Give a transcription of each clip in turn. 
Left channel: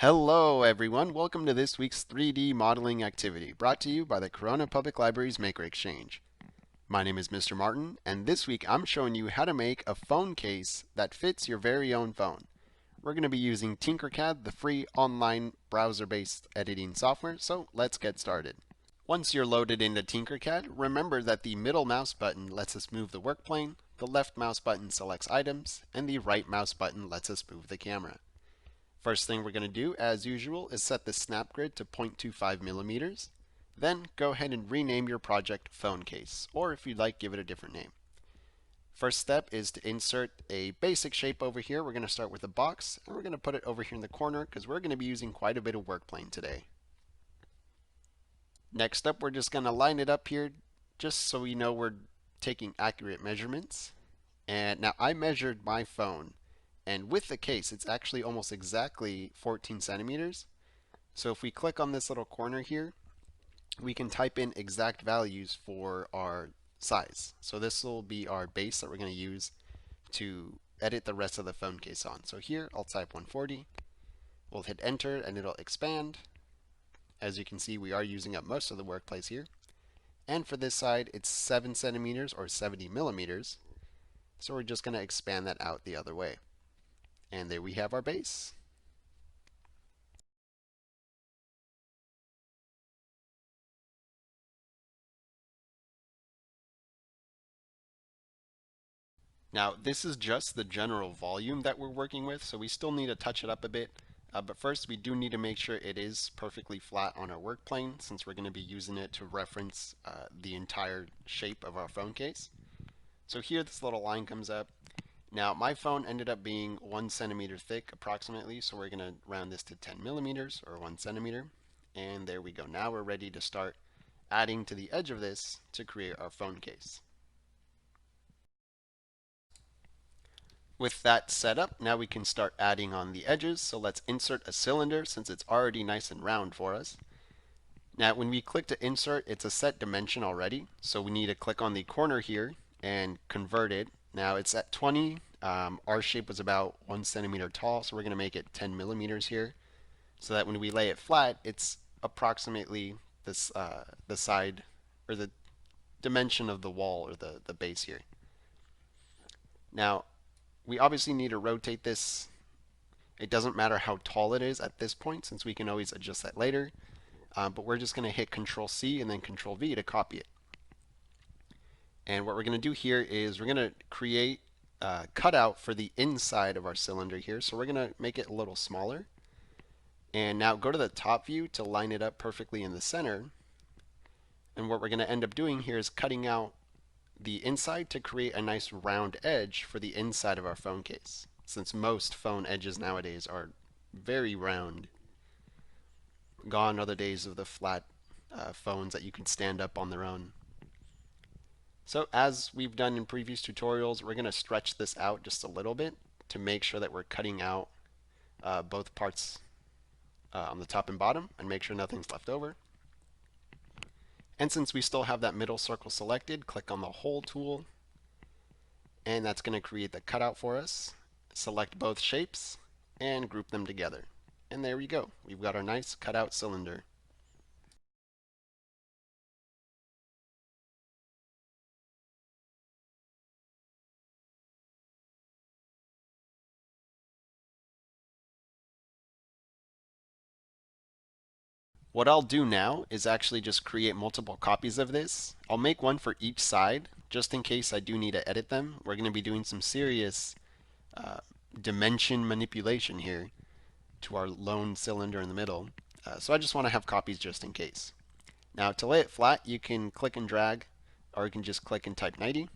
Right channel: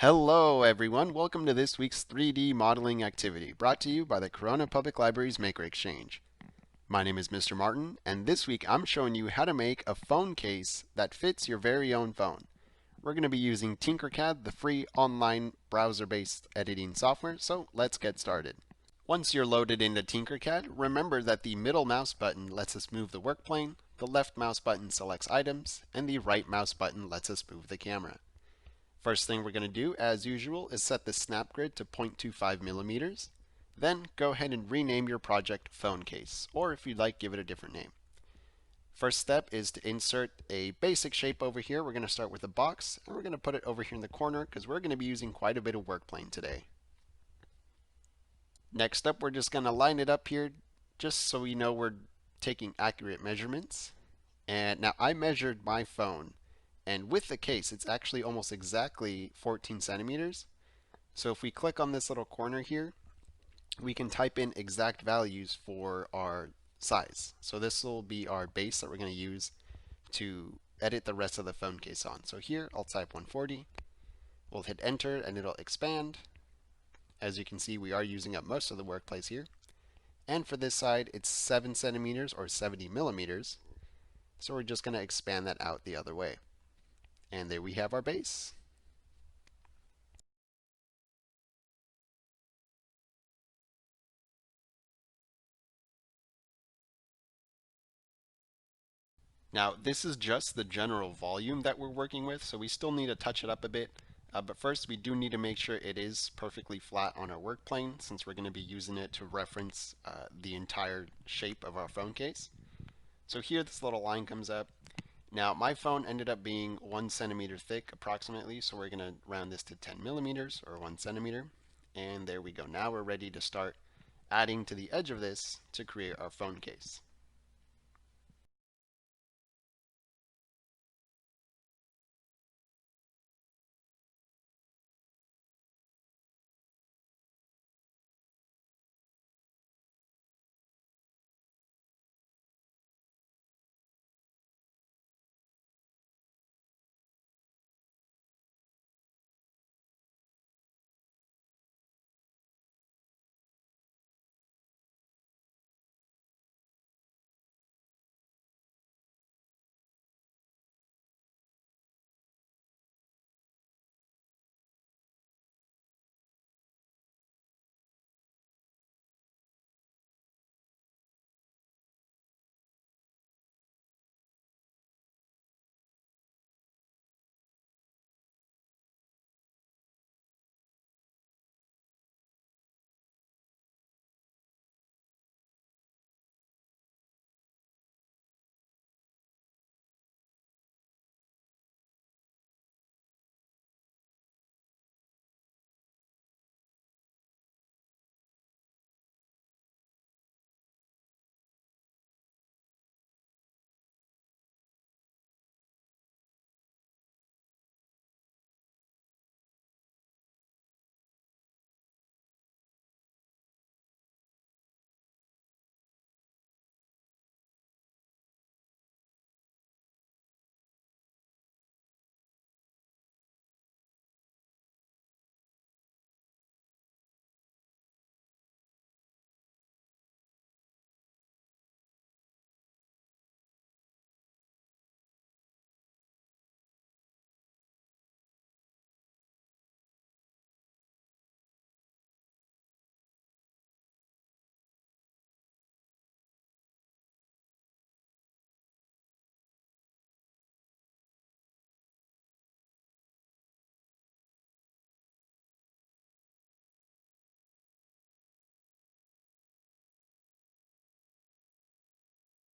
Hello everyone, welcome to this week's 3D modeling activity brought to you by the Corona Public Library's Maker Exchange. My name is Mr. Martin, and this week I'm showing you how to make a phone case that fits your very own phone. We're going to be using Tinkercad, the free online browser-based editing software, so let's get started. Once you're loaded into Tinkercad, remember that the middle mouse button lets us move the work plane, the left mouse button selects items, and the right mouse button lets us move the camera. First thing we're going to do, as usual, is set the snap grid to 0.25 millimeters. Then go ahead and rename your project phone case, or if you'd like, give it a different name. First step is to insert a basic shape over here. We're going to start with a box, and we're going to put it over here in the corner because we're going to be using quite a bit of work plane today. Next up, we're just going to line it up here just so we know we're taking accurate measurements. And now I measured my phone, and with the case, it's actually almost exactly 14 centimeters. So if we click on this little corner here, we can type in exact values for our size. So this will be our base that we're going to use to edit the rest of the phone case on. So here, I'll type 140. We'll hit enter and it'll expand. As you can see, we are using up most of the workplace here. And for this side, it's 7 centimeters or 70 millimeters. So we're just going to expand that out the other way. And there we have our base. Now, this is just the general volume that we're working with, so we still need to touch it up a bit. But first, we do need to make sure it is perfectly flat on our work plane, since we're going to be using it to reference the entire shape of our phone case. So here, this little line comes up. Now, my phone ended up being 1 centimeter thick approximately, so we're going to round this to 10 millimeters or 1 centimeter. And there we go. Now we're ready to start adding to the edge of this to create our phone case. With that set up, now we can start adding on the edges. So let's insert a cylinder since it's already nice and round for us. Now when we click to insert, it's a set dimension already. So we need to click on the corner here and convert it. Now it's at 20. Our shape was about 1 centimeter tall, so we're going to make it 10 millimeters here so that when we lay it flat, it's approximately this the side or the dimension of the wall or the base here. Now we obviously need to rotate this. It doesn't matter how tall it is at this point since we can always adjust that later. But we're just going to hit Control C and then Control V to copy it. And what we're going to do here is we're going to create a cutout for the inside of our cylinder here. So we're going to make it a little smaller. And now go to the top view to line it up perfectly in the center. And what we're going to end up doing here is cutting out the inside to create a nice round edge for the inside of our phone case, since most phone edges nowadays are very round. Gone are the days of the flat phones that you can stand up on their own. So as we've done in previous tutorials, we're going to stretch this out just a little bit to make sure that we're cutting out both parts on the top and bottom and make sure nothing's left over. And since we still have that middle circle selected, click on the Hole tool, and that's going to create the cutout for us. Select both shapes and group them together. And there we go. We've got our nice cutout cylinder. What I'll do now is actually just create multiple copies of this. I'll make one for each side, just in case I do need to edit them. We're going to be doing some serious dimension manipulation here to our lone cylinder in the middle. So I just want to have copies just in case. Now to lay it flat, you can click and drag, or you can just click and type 90.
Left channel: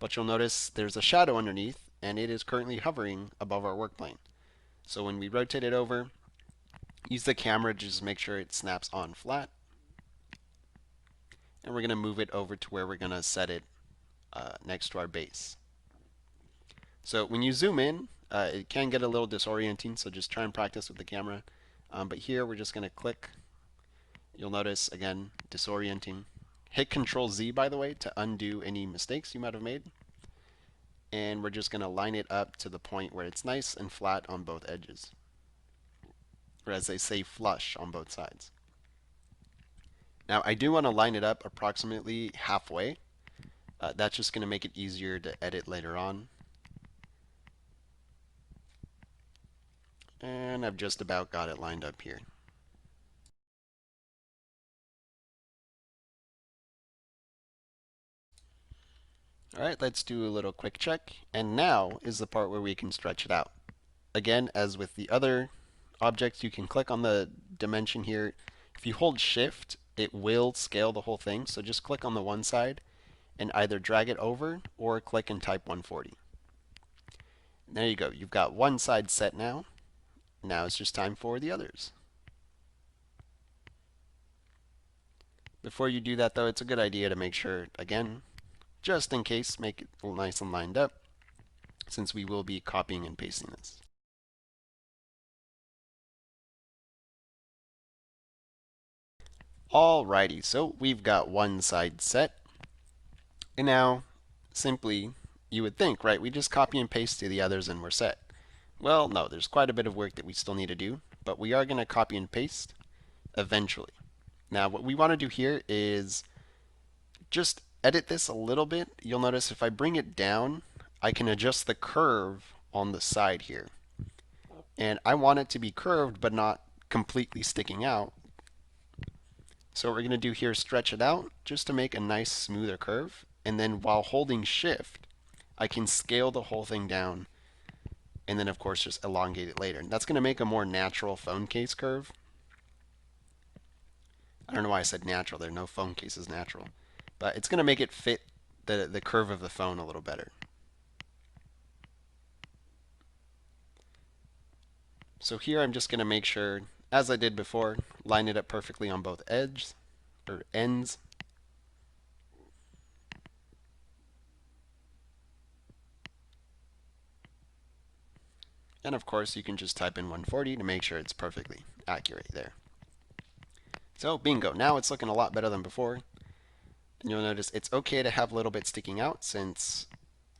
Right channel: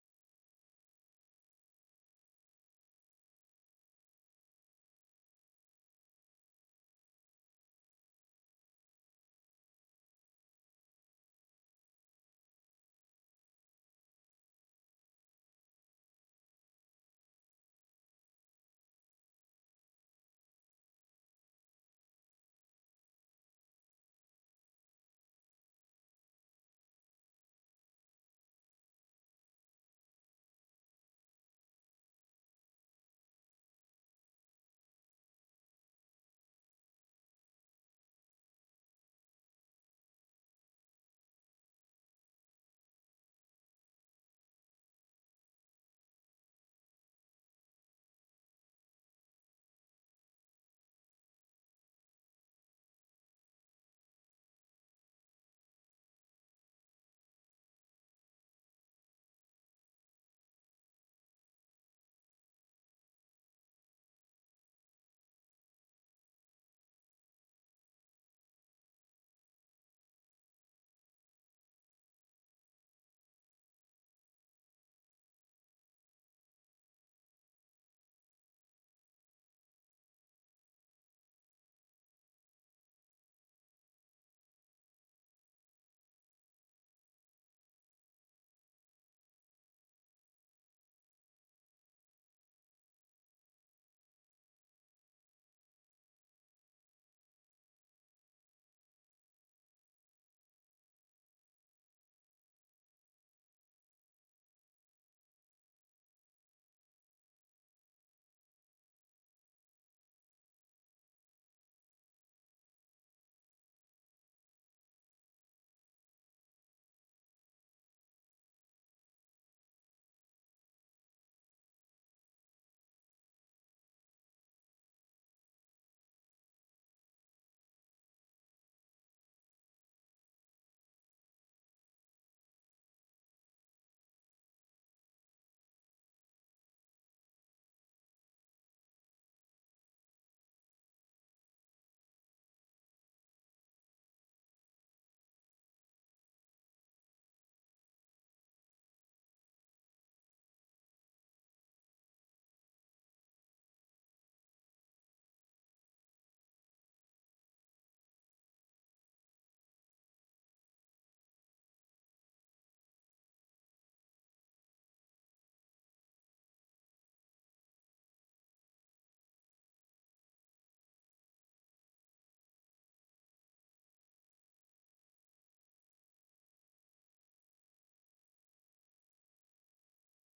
But you'll notice there's a shadow underneath, and it is currently hovering above our work plane. So when we rotate it over, use the camera to just make sure it snaps on flat. And we're going to move it over to where we're going to set it next to our base. So when you zoom in, it can get a little disorienting, so just try and practice with the camera. But here we're just going to click. You'll notice, again, disorienting. Hit Control Z, by the way, to undo any mistakes you might have made. And we're just going to line it up to the point where it's nice and flat on both edges. or as they say, flush on both sides. Now I do want to line it up approximately halfway. That's just going to make it easier to edit later on. And I've just about got it lined up here. All right, let's do a little quick check. And now is the part where we can stretch it out. Again, as with the other objects, you can click on the dimension here. If you hold shift, it will scale the whole thing. So just click on the one side and either drag it over or click and type 140. There you go. You've got one side set now. Now it's just time for the others. Before you do that though, it's a good idea to make sure, again, just in case, make it nice and lined up, since we will be copying and pasting this. Alrighty, so we've got one side set. And now, simply, you would think, right, we just copy and paste to the others and we're set. Well, no, there's quite a bit of work that we still need to do, but we are going to copy and paste eventually. Now, what we want to do here is just edit this a little bit. You'll notice if I bring it down, I can adjust the curve on the side here. And I want it to be curved but not completely sticking out. So what we're going to do here is stretch it out just to make a nice smoother curve. And then while holding shift, I can scale the whole thing down and then of course just elongate it later. And that's going to make a more natural phone case curve. I don't know why I said natural there. No phone case is natural. But it's going to make it fit the curve of the phone a little better. So here I'm just going to make sure, as I did before, line it up perfectly on both edges or ends. And of course you can just type in 140 to make sure it's perfectly accurate there. So bingo, now it's looking a lot better than before. And you'll notice it's okay to have a little bit sticking out, since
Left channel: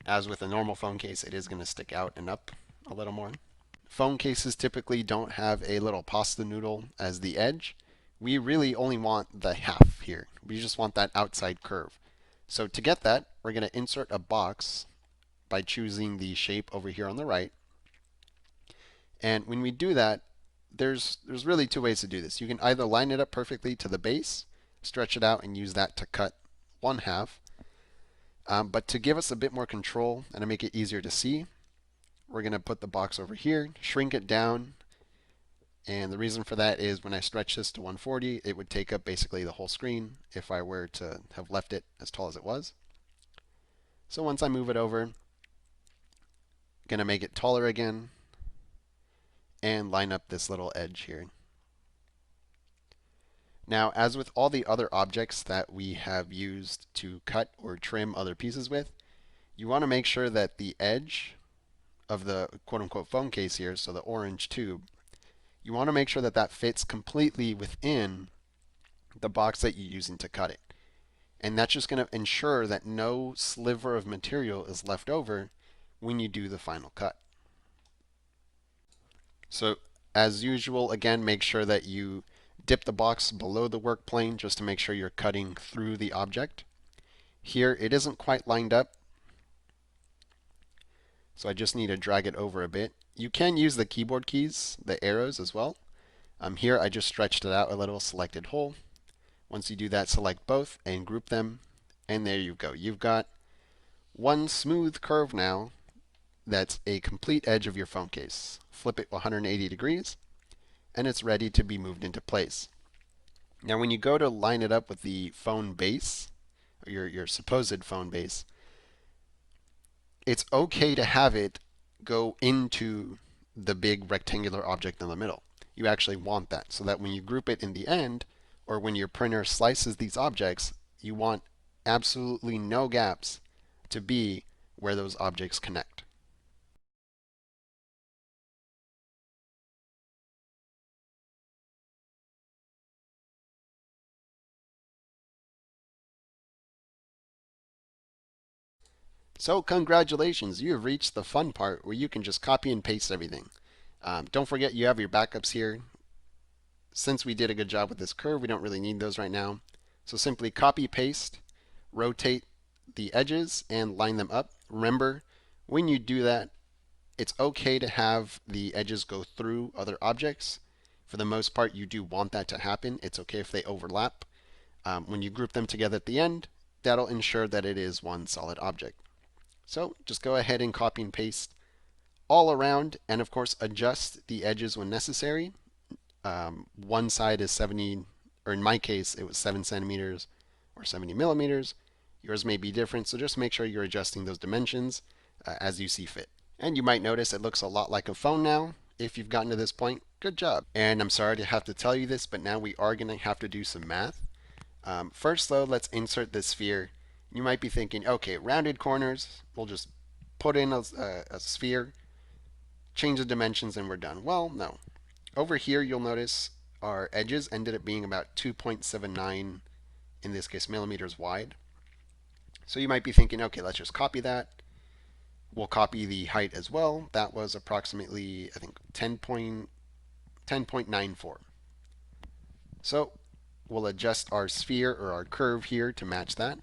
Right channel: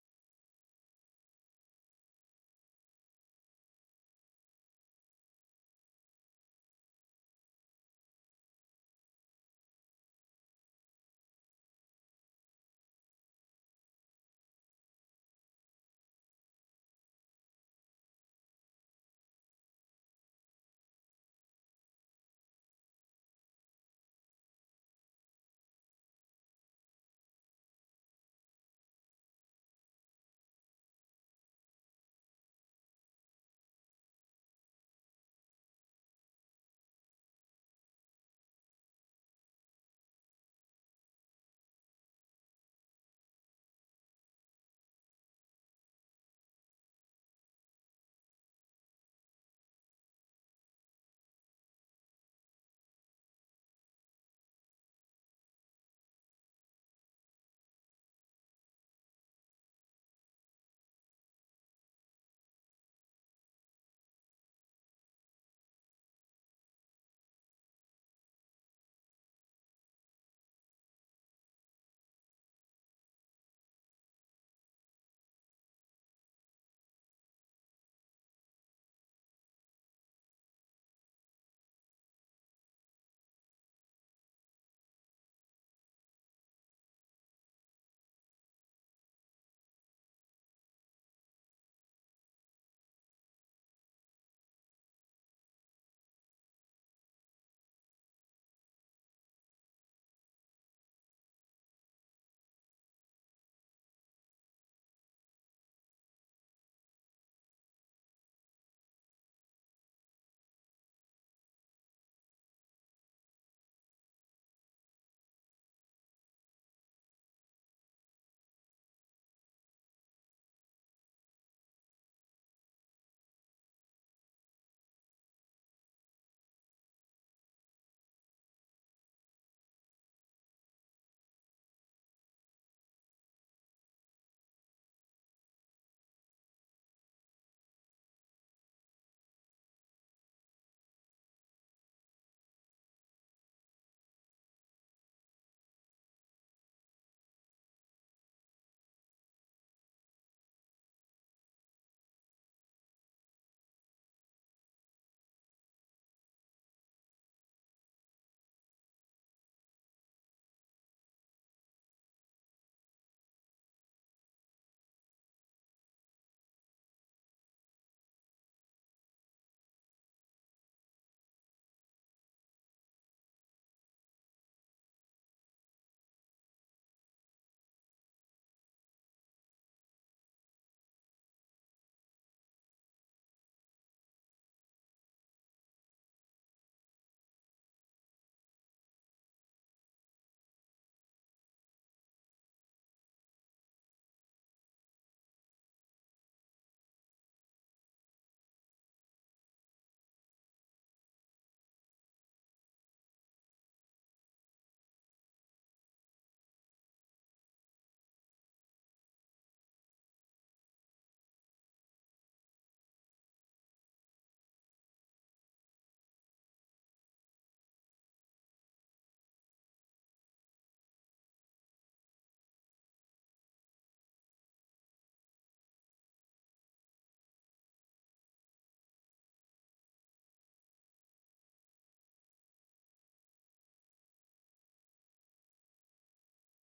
as with a normal phone case, it is going to stick out and up a little more. Phone cases typically don't have a little pasta noodle as the edge. We really only want the half here. We just want that outside curve. So to get that, we're going to insert a box by choosing the shape over here on the right. And when we do that, there's really two ways to do this. You can either line it up perfectly to the base, stretch it out, and use that to cut one half. But to give us a bit more control and to make it easier to see, we're going to put the box over here, shrink it down. And the reason for that is when I stretch this to 140, it would take up basically the whole screen if I were to have left it as tall as it was. So once I move it over, I'm going to make it taller again and line up this little edge here. Now, as with all the other objects that we have used to cut or trim other pieces with, you want to make sure that the edge of the quote-unquote phone case here, so the orange tube, you want to make sure that that fits completely within the box that you're using to cut it. And that's just going to ensure that no sliver of material is left over when you do the final cut. So as usual, again, make sure that you dip the box below the work plane just to make sure you're cutting through the object. Here it isn't quite lined up, so I just need to drag it over a bit. You can use the keyboard keys, the arrows as well. Here I just stretched it out a little, selected whole. Once you do that, select both and group them, and there you go. You've got one smooth curve now that's a complete edge of your phone case. Flip it 180 degrees, and it's ready to be moved into place. Now when you go to line it up with the phone base, or your supposed phone base, it's okay to have it go into the big rectangular object in the middle. You actually want that so that when you group it in the end, or when your printer slices these objects, you want absolutely no gaps to be where those objects connect. So congratulations, you have reached the fun part where you can just copy and paste everything. Don't forget you have your backups here. since we did a good job with this curve, we don't really need those right now. So simply copy paste, rotate the edges and line them up. Remember, when you do that, it's okay to have the edges go through other objects. For the most part, you do want that to happen. It's okay if they overlap. When you group them together at the end, that'll ensure that it is one solid object. So just go ahead and copy and paste all around, and of course adjust the edges when necessary. One side is 70, or in my case, it was 7 centimeters or 70 millimeters. Yours may be different, so just make sure you're adjusting those dimensions as you see fit. And you might notice it looks a lot like a phone now. If you've gotten to this point, good job. And I'm sorry to have to tell you this, but now we are going to have to do some math. First, though, let's insert the sphere. You might be thinking, okay, rounded corners, we'll just put in a sphere, change the dimensions, and we're done. Well, no. Over here, you'll notice our edges ended up being about 2.79, in this case, millimeters wide. So you might be thinking, okay, let's just copy that. We'll copy the height as well. That was approximately, I think, 10.94. So we'll adjust our sphere or our curve here to match that.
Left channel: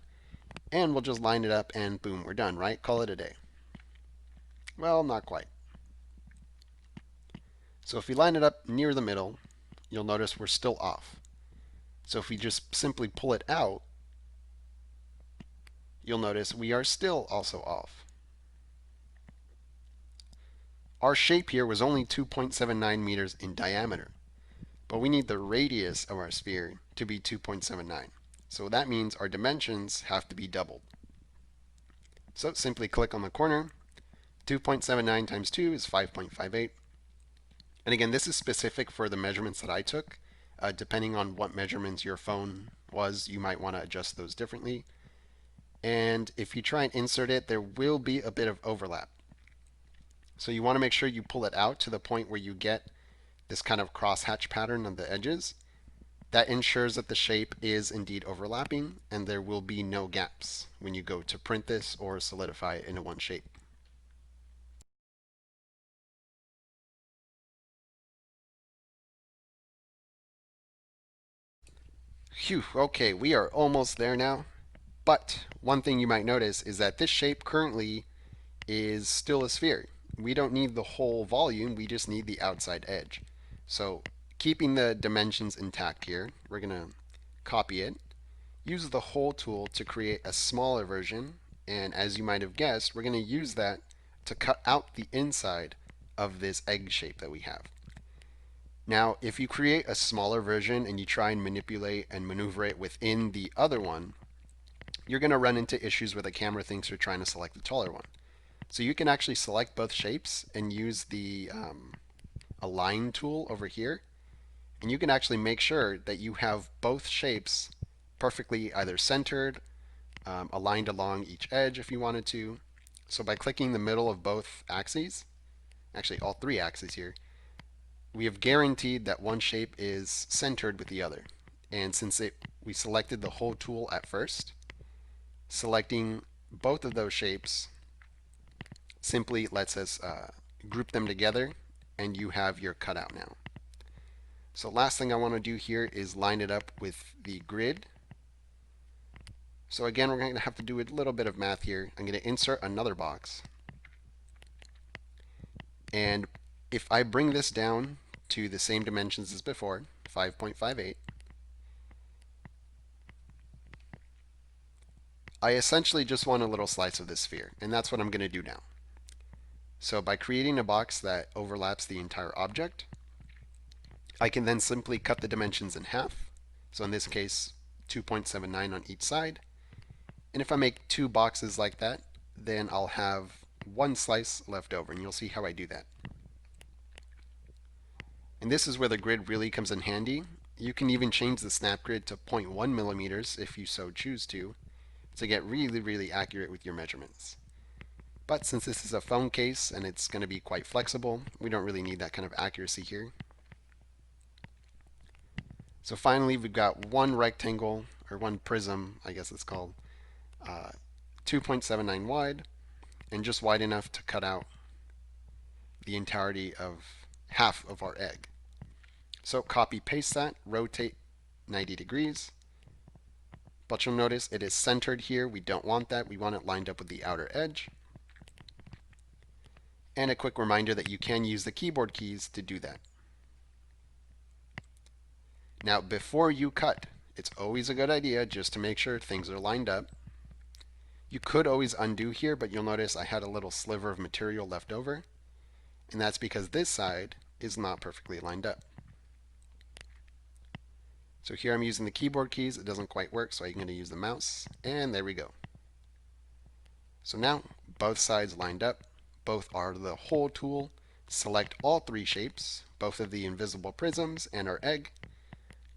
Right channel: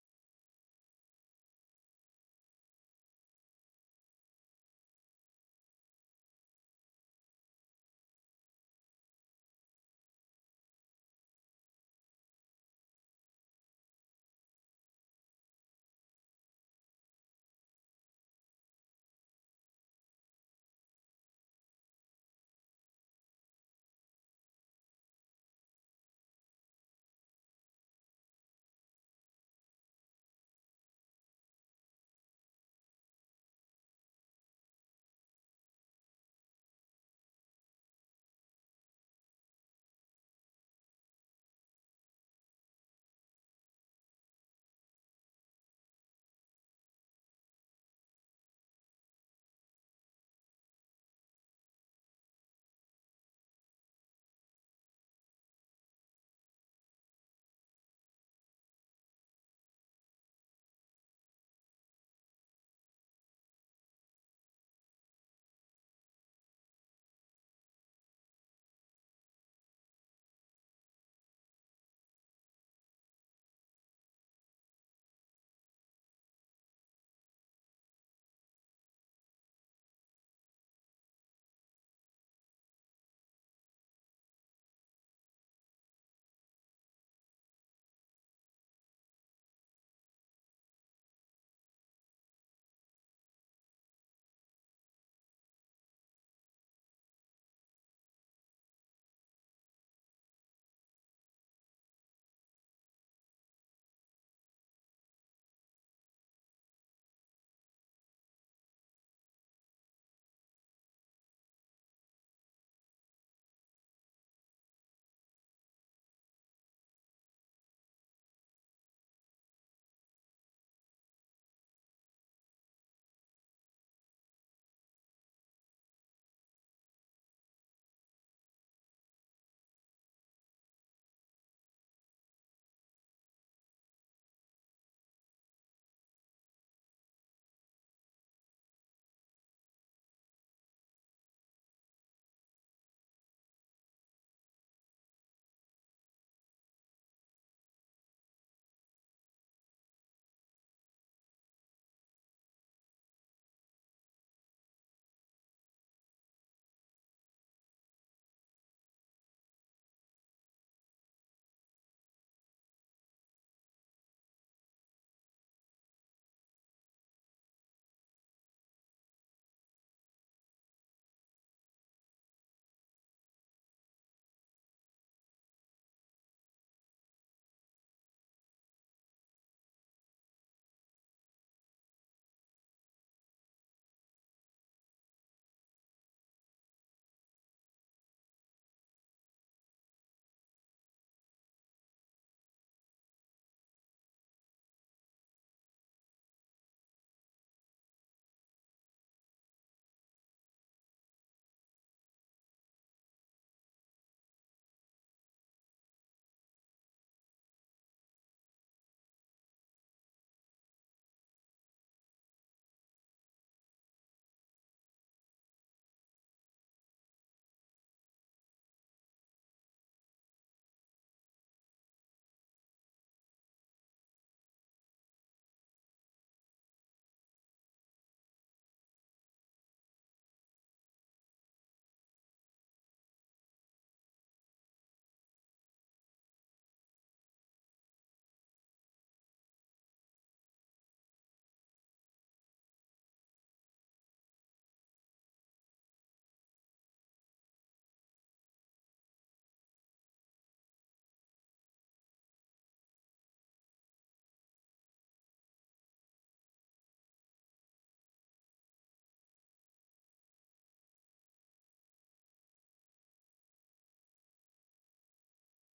And we'll just line it up and boom, we're done, right? Call it a day. Well, not quite. So if we line it up near the middle, you'll notice we're still off. So if we just simply pull it out, you'll notice we are still also off. Our shape here was only 2.79 meters in diameter, but we need the radius of our sphere to be 2.79. So that means our dimensions have to be doubled. So simply click on the corner. 2.79 times 2 is 5.58. And again, this is specific for the measurements that I took. Depending on what measurements your phone was, you might want to adjust those differently. And if you try and insert it, there will be a bit of overlap. So you want to make sure you pull it out to the point where you get this kind of crosshatch pattern on the edges. That ensures that the shape is indeed overlapping and there will be no gaps when you go to print this or solidify it into one shape. Phew, okay, we are almost there now. But one thing you might notice is that this shape currently is still a sphere. We don't need the whole volume, we just need the outside edge. So keeping the dimensions intact here, we're going to copy it, use the hole tool to create a smaller version, and as you might have guessed, we're going to use that to cut out the inside of this egg shape that we have. Now, if you create a smaller version and you try and manipulate and maneuver it within the other one, you're going to run into issues where the camera thinks you're trying to select the taller one. So you can actually select both shapes and use the align tool over here, and you can actually make sure that you have both shapes perfectly either centered, aligned along each edge if you wanted to. So by clicking the middle of both axes, actually all three axes here, we have guaranteed that one shape is centered with the other. And since we selected the hole tool at first, selecting both of those shapes simply lets us group them together and you have your cutout now. So last thing I want to do here is line it up with the grid. So again, we're going to have to do a little bit of math here. I'm going to insert another box. And if I bring this down to the same dimensions as before, 5.58, I essentially just want a little slice of this sphere, and that's what I'm going to do now. So by creating a box that overlaps the entire object, I can then simply cut the dimensions in half. So in this case, 2.79 on each side. And if I make two boxes like that, then I'll have one slice left over, and you'll see how I do that. And this is where the grid really comes in handy. You can even change the snap grid to 0.1 millimeters if you so choose to get really, really accurate with your measurements. But since this is a phone case and it's going to be quite flexible, we don't really need that kind of accuracy here. So finally, we've got one rectangle, or one prism, I guess it's called, 2.79 wide, and just wide enough to cut out the entirety of half of our egg. So copy paste that, rotate 90 degrees. But you'll notice it is centered here. We don't want that. We want it lined up with the outer edge. And a quick reminder that you can use the keyboard keys to do that. Now, before you cut, it's always a good idea just to make sure things are lined up. You could always undo here, but you'll notice I had a little sliver of material left over. And that's because this side is not perfectly lined up. So here I'm using the keyboard keys. It doesn't quite work, so I'm going to use the mouse. And there we go. So now both sides lined up. Both are the hole tool. Select all three shapes, both of the invisible prisms and our egg.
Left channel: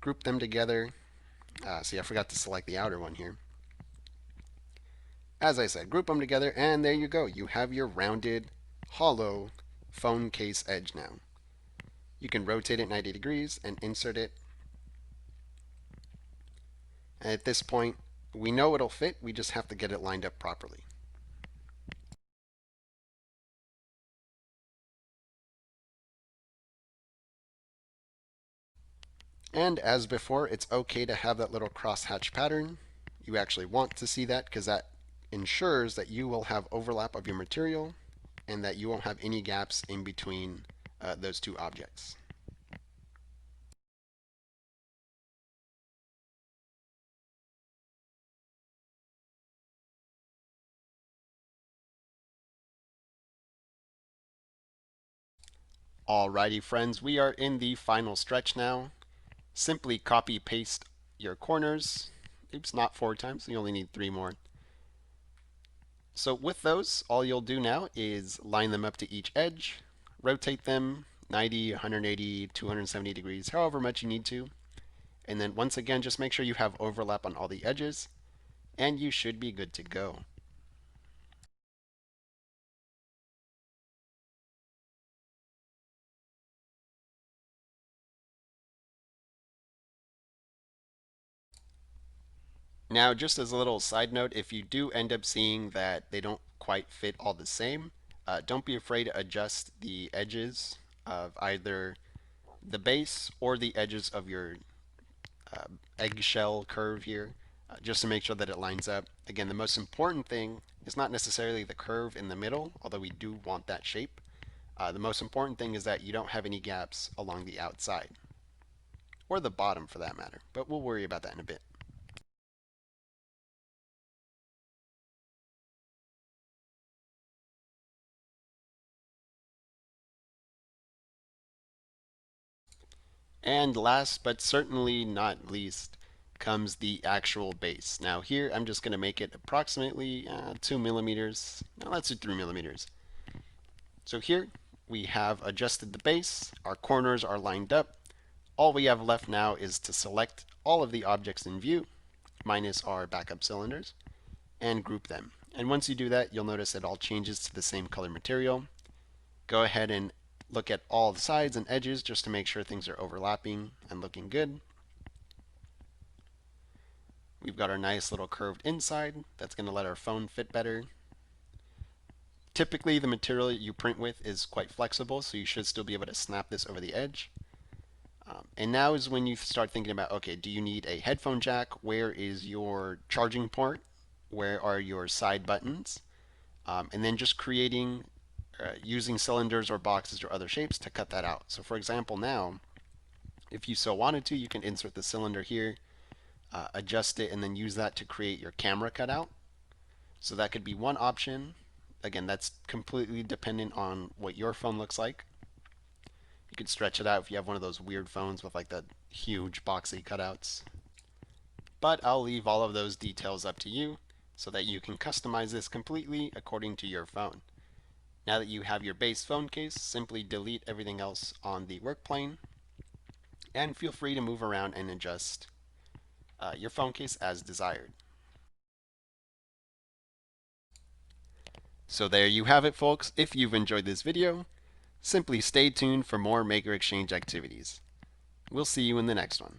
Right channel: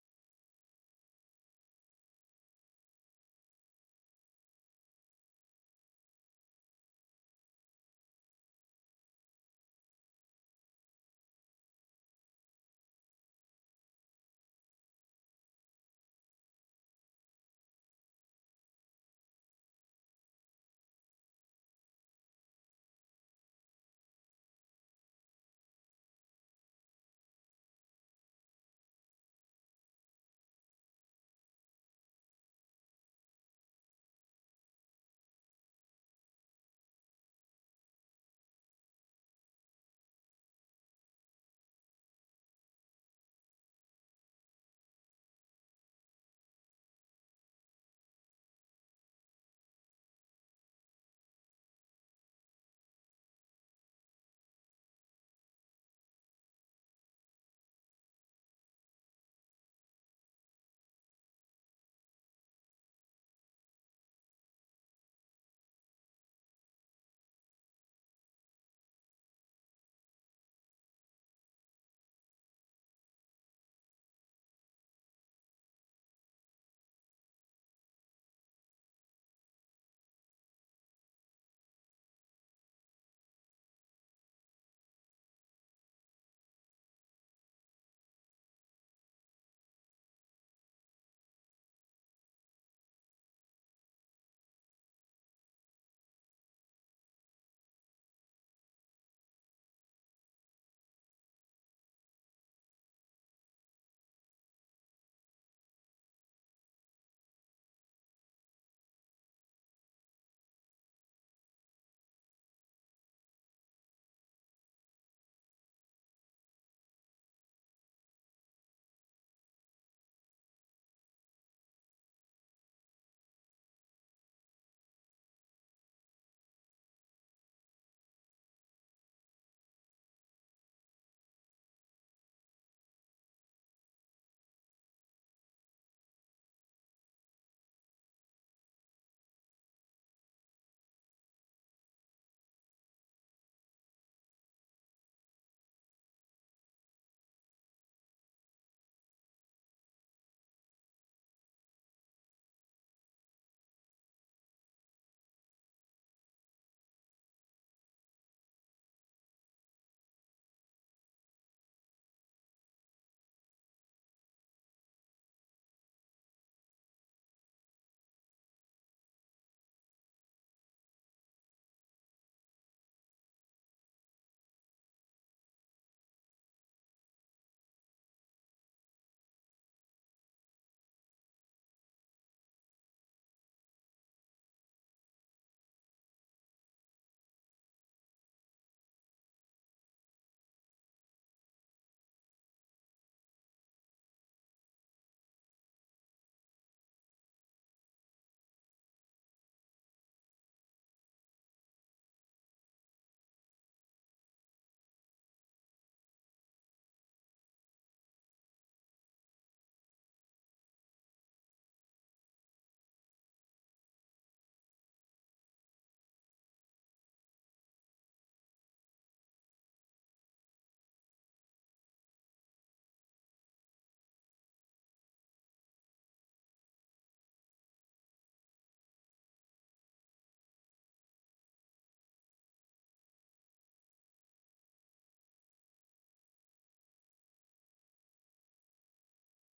Group them together. See, I forgot to select the outer one here. As I said, group them together, and there you go. You have your rounded, hollow phone case edge now. You can rotate it 90 degrees and insert it. And at this point, we know it'll fit. We just have to get it lined up properly. And as before, it's okay to have that little crosshatch pattern. You actually want to see that because that ensures that you will have overlap of your material and that you won't have any gaps in between those two objects. Alrighty friends, we are in the final stretch now. Simply copy paste your corners. Oops, not 4 times, you only need 3 more. So with those, all you'll do now is line them up to each edge, rotate them 90, 180, 270 degrees, however much you need to. And then once again, just make sure you have overlap on all the edges, and you should be good to go. Now, just as a little side note, if you do end up seeing that they don't quite fit all the same, don't be afraid to adjust the edges of either the base or the edges of your uh, eggshell curve here, just to make sure that it lines up. Again, the most important thing is not necessarily the curve in the middle, although we do want that shape. The most important thing is that you don't have any gaps along the outside, or the bottom for that matter, but we'll worry about that in a bit. And last but certainly not least comes the actual base. Now here I'm just going to make it approximately 2 millimeters. No, let's do 3 millimeters. So here we have adjusted the base. Our corners are lined up. All we have left now is to select all of the objects in view, minus our backup cylinders, and group them. And once you do that, you'll notice it all changes to the same color material. Go ahead and look at all the sides and edges just to make sure things are overlapping and looking good. We've got our nice little curved inside that's going to let our phone fit better. Typically the material you print with is quite flexible, so you should still be able to snap this over the edge. And now is when you start thinking about, okay, do you need a headphone jack? Where is your charging port? Where are your side buttons? And then just creating, using cylinders or boxes or other shapes to cut that out. So for example now, if you so wanted to, you can insert the cylinder here, adjust it, and then use that to create your camera cutout. So that could be one option. Again, that's completely dependent on what your phone looks like. You could stretch it out if you have one of those weird phones with like the huge boxy cutouts. But I'll leave all of those details up to you so that you can customize this completely according to your phone. Now that you have your base phone case, simply delete everything else on the work plane and feel free to move around and adjust your phone case as desired. So there you have it, folks. If you've enjoyed this video, simply stay tuned for more Maker Exchange activities. We'll see you in the next one.